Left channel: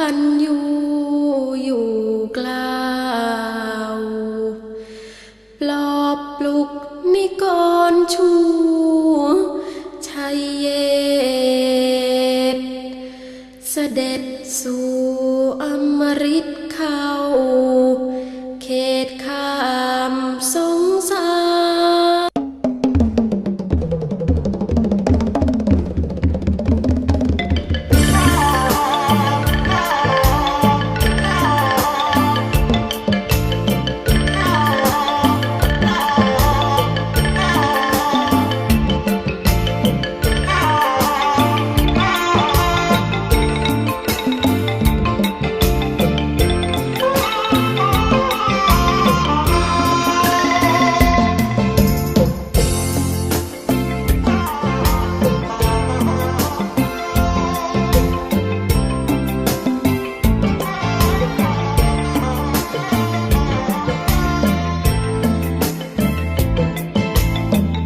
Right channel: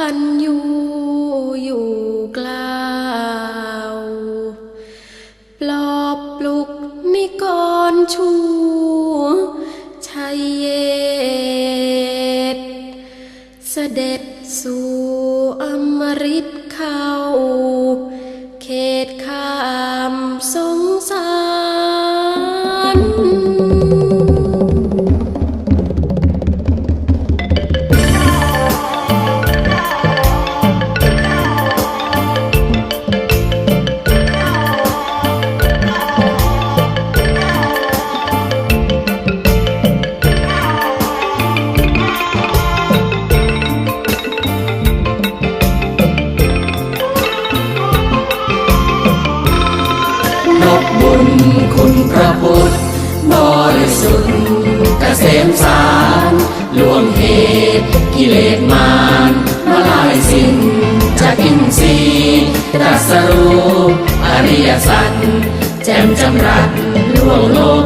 พันยูอยู่กล่าวปลอบปลุกนิกรชูชัยเยตเสด็จสู่อมริต ตรัสรู้อริยสัจแจ่มจำรัดล่วงโลก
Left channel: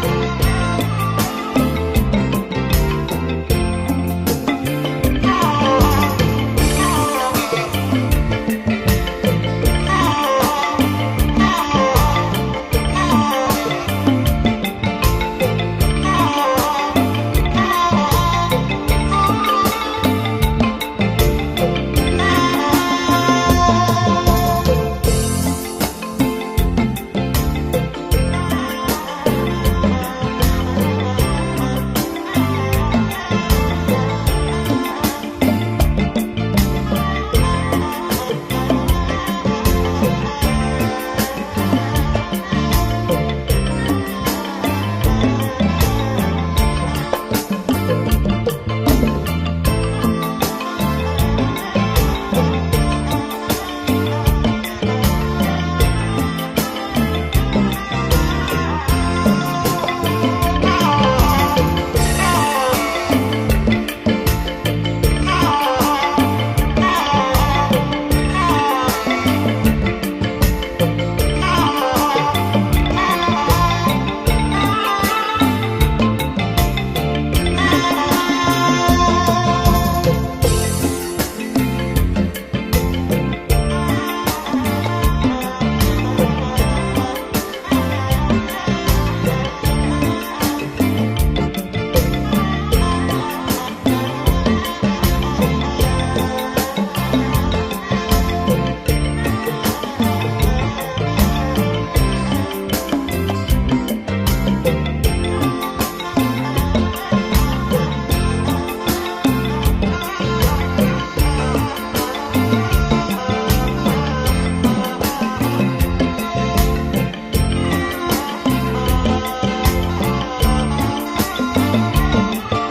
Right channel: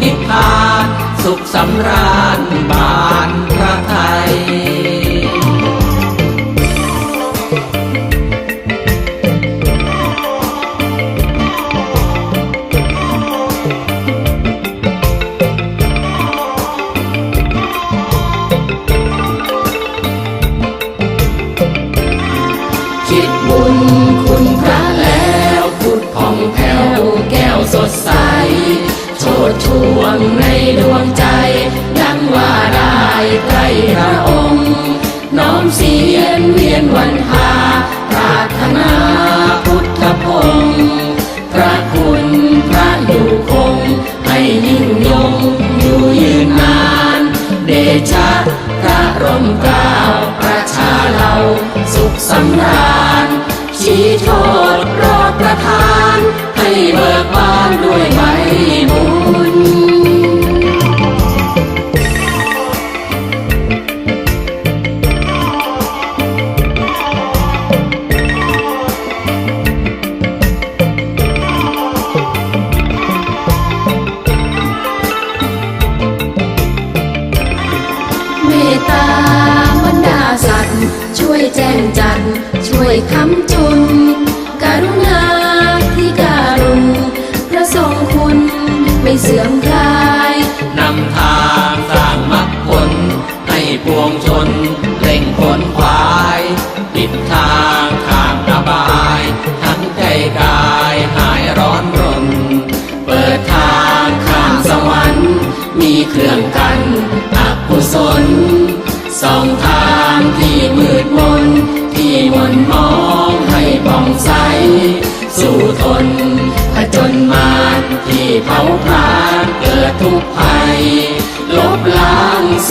Hypnose.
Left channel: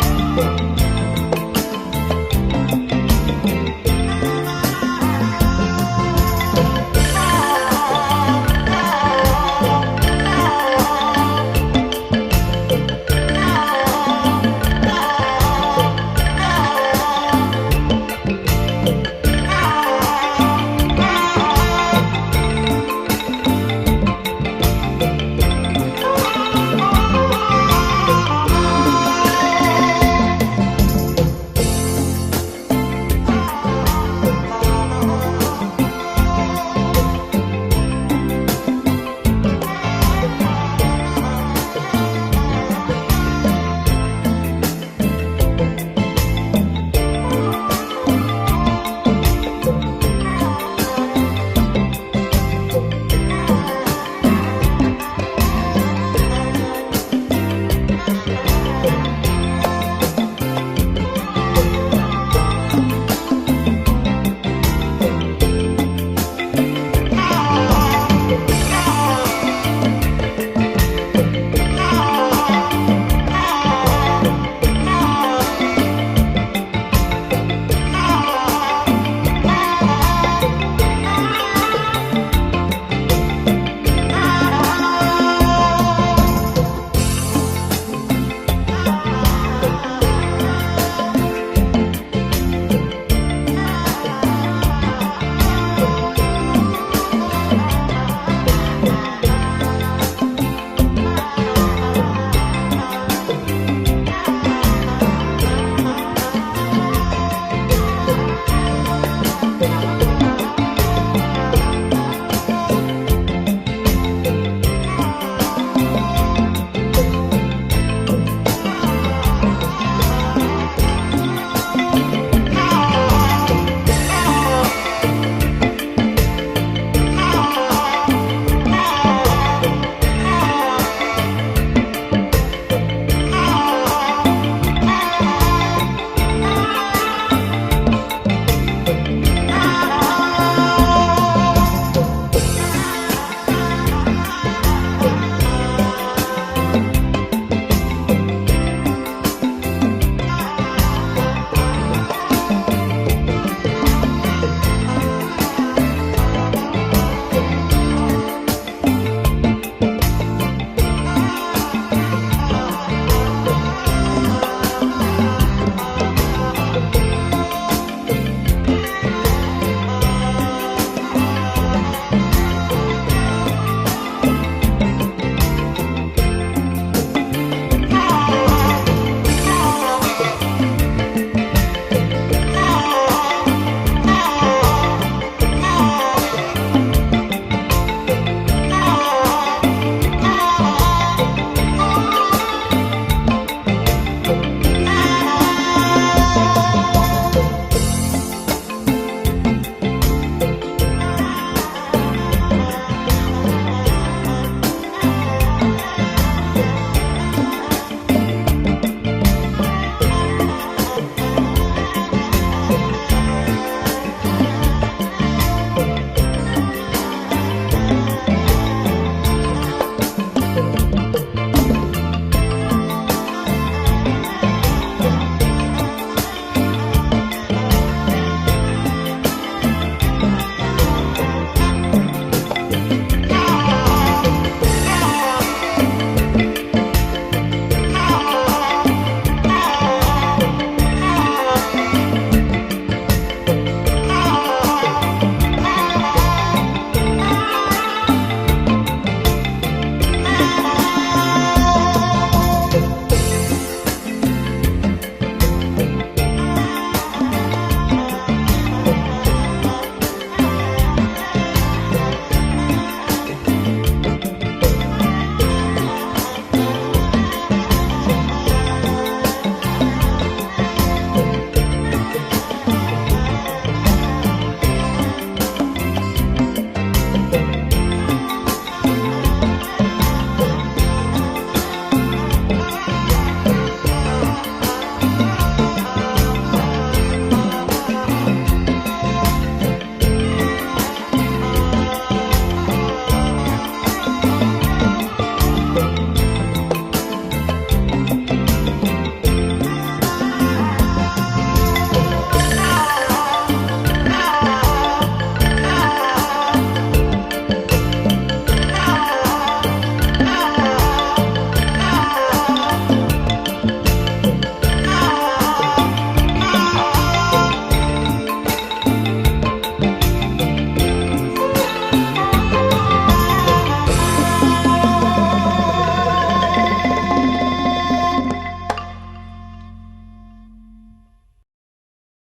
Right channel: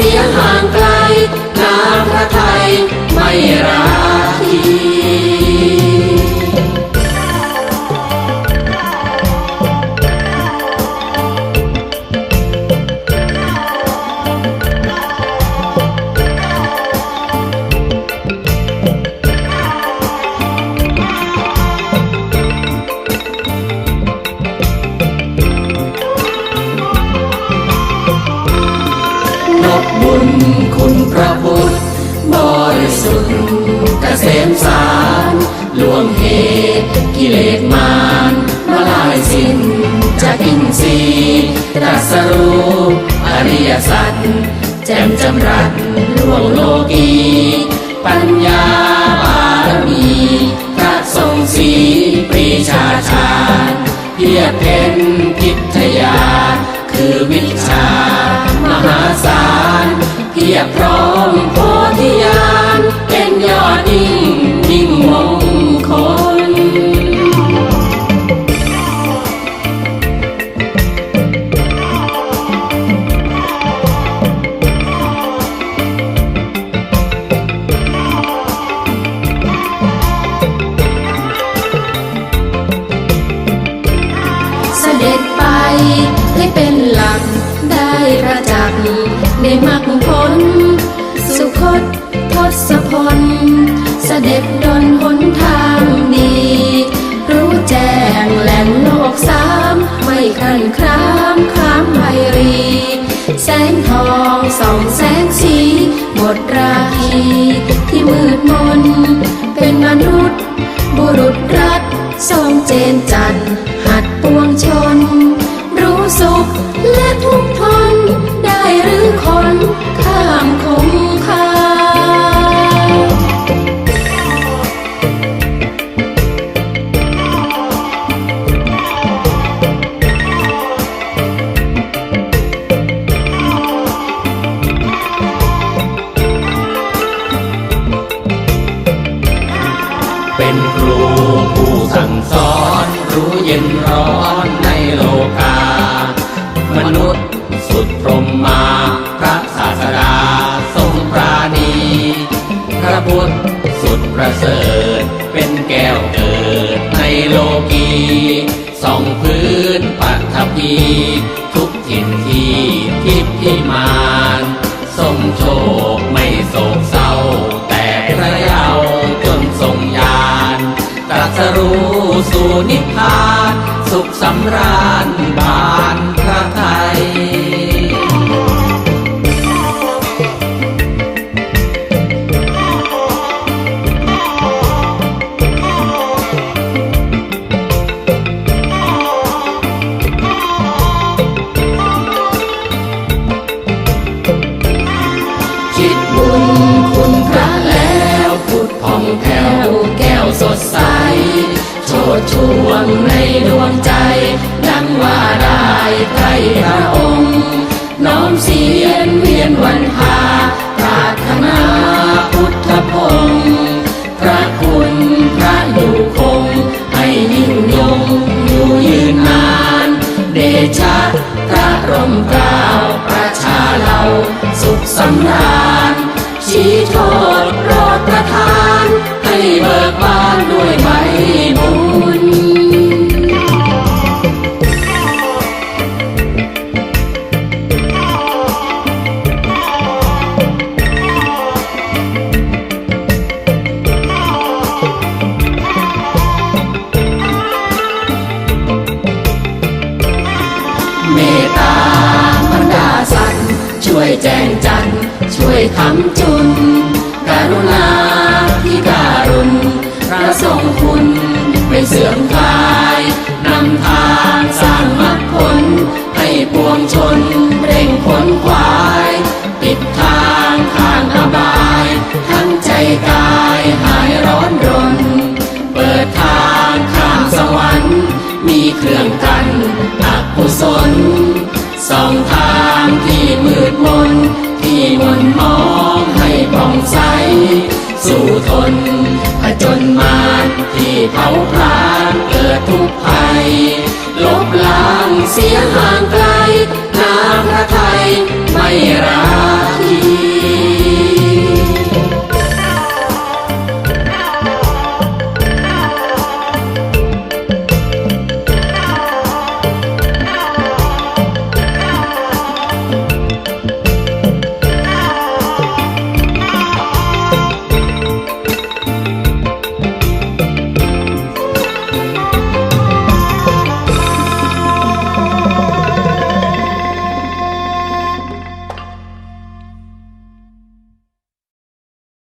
เสียงห่างไกล จะกอินทรีตรัสรู้อริยสัจแจ่มจำรัดล่วงโลกีปัญญาบารมีพระทรงสีปรีชาชาเพียบเป็นพิทยา คือวิชามหาสารเพียบพร้อม